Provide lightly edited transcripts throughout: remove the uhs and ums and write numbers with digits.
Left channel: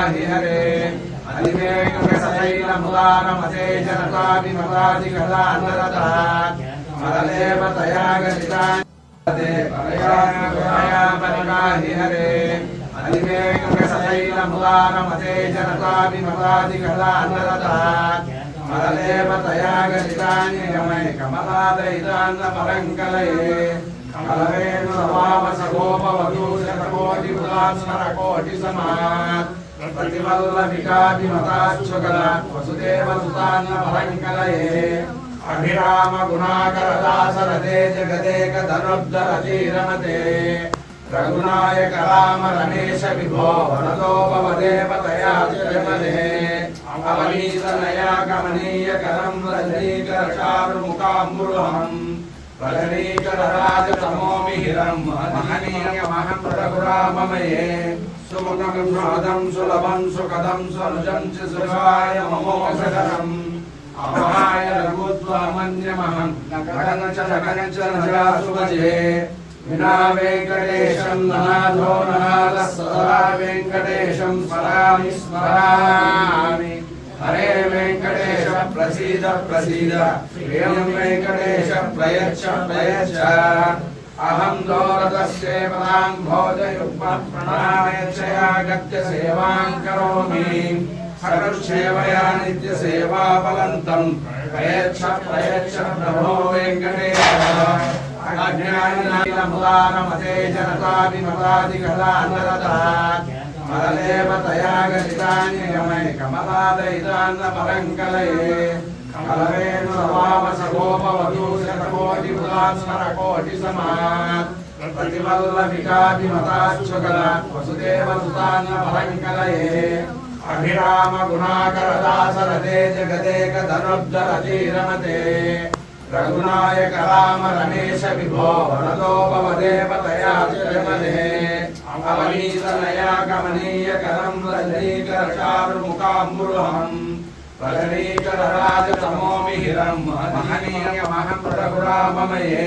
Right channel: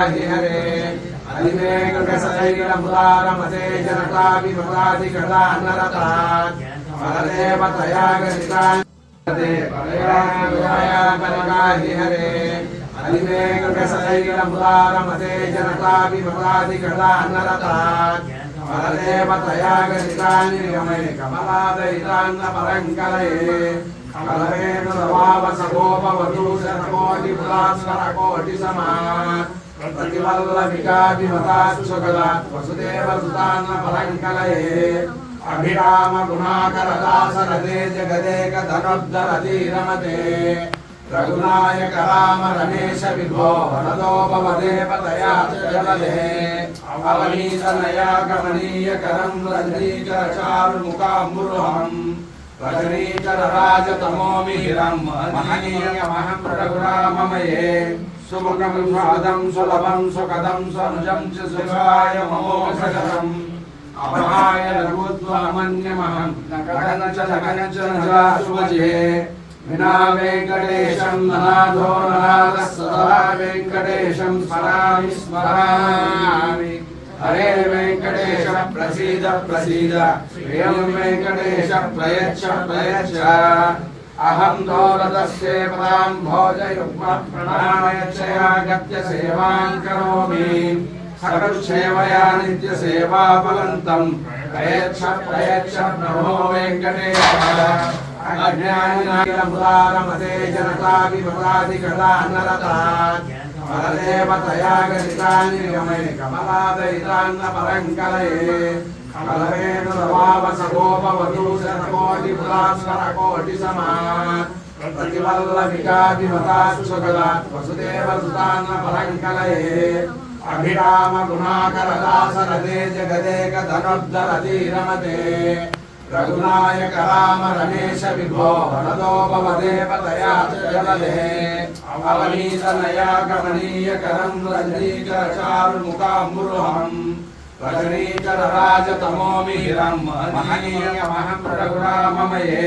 हरे अधिवेगसैलमुदारमते जनताभिमतादिकलानरतात् मरदेवतया गतितान्ते हरे अधिवेगसैलमुदारमते जनताभिमतादिकलानरतात् मरदेवतया गतितान्निगमय कमलादयितान्नपरङ्कलये कमलवेन नवामसगोपवधू शतकोटिपुरास्मरकोटिसमात् प्रतिवल्लभिकाभिमताश्चकलात् वसुदेवसुतान्नपरङ्कलये अभिराम गुणाकरदासरते जगदेकधनुद्धरतीरमते रघुनायक राम रमेश विभो वनतो भवदेवतया जगदे अवनीतनया कमनीय करं रजनीकरचारुमुखाम्बुरुहम् वदनीकरराजतमोमिहिरं महनीयमहं रघुराममये सुमुखं सुहदं सुलभं सुखदं स्वनुजं च शिवाय ममोषधरम् अमहाय रघुत्वमन्यमहं लगन च नजासुभजे विना वेङ्कटेशं ननाथो ननाथः सदा वेङ्कटेशं स्मरामि स्मरामि हरे वेङ्कटेश प्रसीद प्रसीद प्रियं वेङ्कटेश प्रयच्छ प्रयच्छ अहं दोरतस्य पदां भोजयुग्मप्रणामयच्छयागत्य सेवां करोमि सकलसेवया नित्यसेवाफलन्तं प्रयच्छ प्रयच्छ प्रभो वेङ्कटेश अज्ञानिनामुदारमते जनताभिमतादिकलानरतात् मरदेवतया गतितान्निगमय कमलादयितान्नपरङ्कलये कमलवेन नवामसगोपवधू शतकोटिपुरास्मरकोटिसमात् प्रतिवल्लभिकाभिमताश्चकलात् वसुदेवसुतान्नपरङ्कलये अभिराम गुणाकरदासरते जगदेकधनुद्धरतीरमते रघुनायक राम रमेश विभो वनतो भवदेवतया जगदे अवनीतनया कमनीय करं रजनीकरचारुमुखाम्बुरुहम् वदनीकरराजतमोमिहिरं महनीयमहं रघुराममये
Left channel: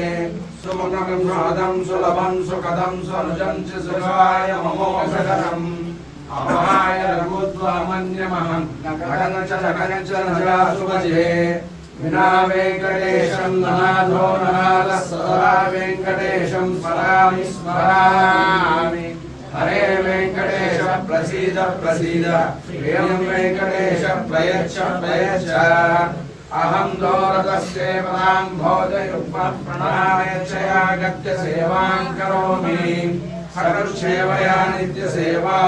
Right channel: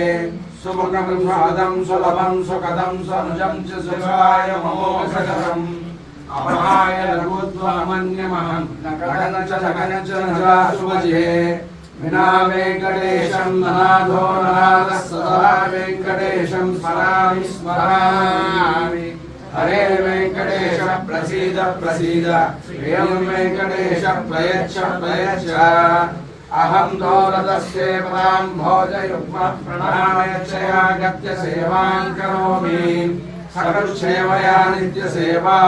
सुमुखं सुहदं सुलभं सुखदं स्वनुजं च शिवाय ममोषधरम् अमहाय रघुत्वमन्यमहं लगन च नजासुभजे विना वेङ्कटेशं ननाथो ननाथः सदा वेङ्कटेशं स्मरामि स्मरामि हरे वेङ्कटेश प्रसीद प्रसीद प्रियं वेङ्कटेश प्रयच्छ प्रयच्छ अहं दोरतस्य पदां भोजयुग्मप्रणामयच्छयागत्य सेवां करोमि सकलसेवया नित्यसेवा